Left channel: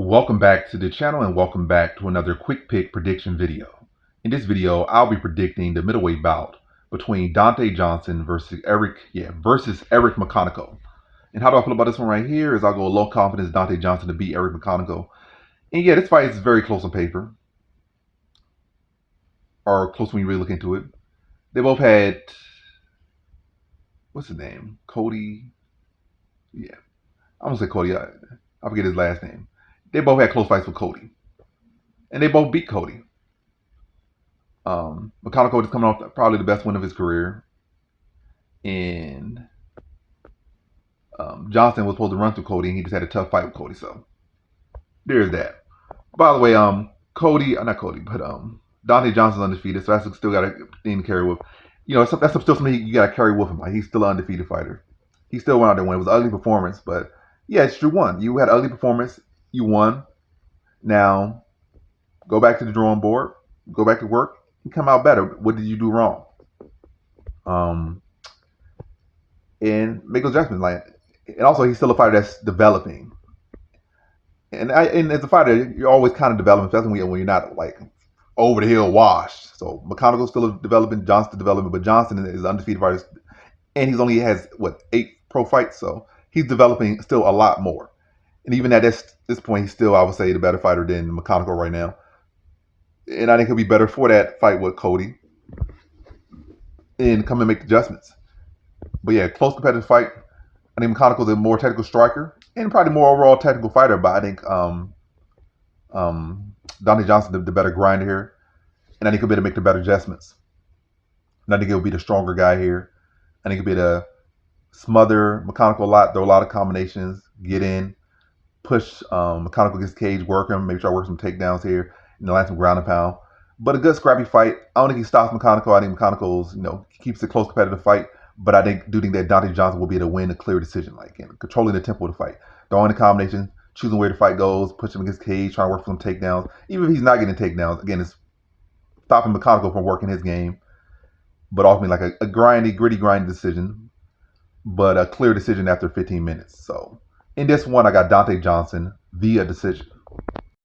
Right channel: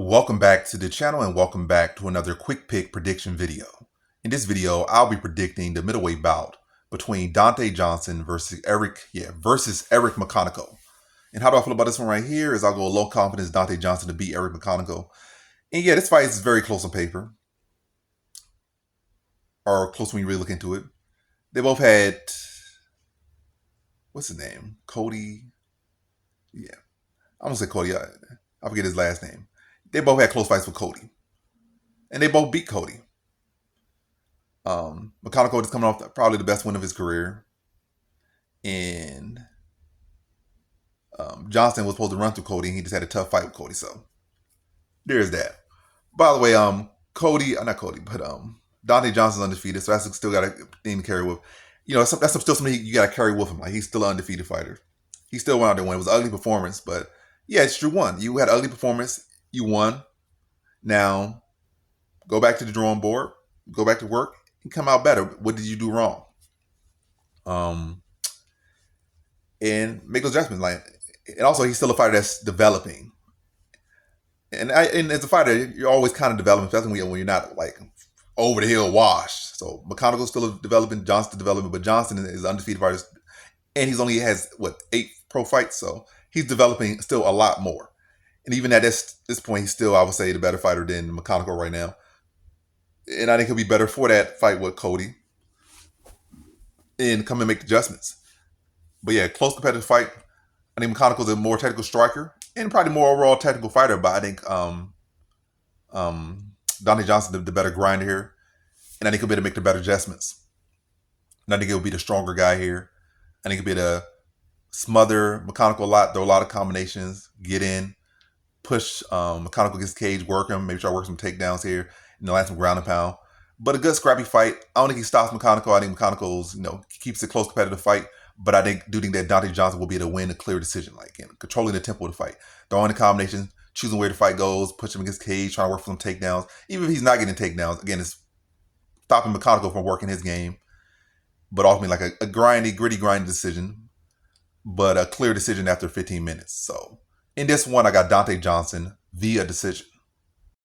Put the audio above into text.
Welcome back to the channel and welcome back to another quick pick prediction video. In this video, I'll be predicting the middleweight bout between Donte Johnson versus Eric McConico. And how do I feel about this one right here is I'll go low confidence Donte Johnson to beat Eric McConico. And yeah, this fight is very close on paper. Or close when you really look into it. They both had, what's his name? Cody. Yeah, I'm gonna say Cody. I forget his last name. They both had close fights with Cody. And they both beat Cody. McConico is coming off probably the best win of his career. And Johnson was supposed to run through Cody, and he just had a tough fight with Cody. So there's that. By the way, Donte Johnson's undefeated, so that's still got a thing to carry with. You know, that's still something you got to carry with him. Like, he's still an undefeated fighter. He still went out there and won. It was an ugly performance, but yeah, it's true. You had an ugly performance. You won. Now, go back to the drawing board, go back to work, and come out better. What did you do wrong? And make those adjustments. And also, he's still a fighter that's developing. And as a fighter, you're always kind of developing, especially when you're not like over the hill washed. So McConico's still developing, Johnson's developing, but Johnson is undefeated fighter, and he's only has 8 pro fights, so he's developing still a lot more. And even at this point, he's still, I would say, the better fighter than McConico right now. And I think he'll be better for that fight with Cody and come and make adjustments. But yeah, close competitive fight. I think McConico's a more technical striker and probably more overall technical fighter, but I think Donte Johnson the better grinder here. And I think he'll be able to make the better adjustments. And I think he'll be the stronger guy here. I think he'll be able to smother McConico a lot, throw a lot of combinations, get in, push McConico against the cage, work him, maybe try to work some takedowns here, land some ground and pound. But a good scrappy fight. I don't think he stops McConico. I think McConico's, keeps a close competitive fight. But I do think that Donte Johnson will be able to win a clear decision, controlling the tempo of the fight, throwing the combinations, choosing where the fight goes, pushing him against the cage, trying to work for some takedowns. Even if he's not getting takedowns, again, it's stopping McConico from working his game. But ultimately, like a gritty decision, but a clear decision after 15 minutes. So in this one, I got Donte Johnson via decision.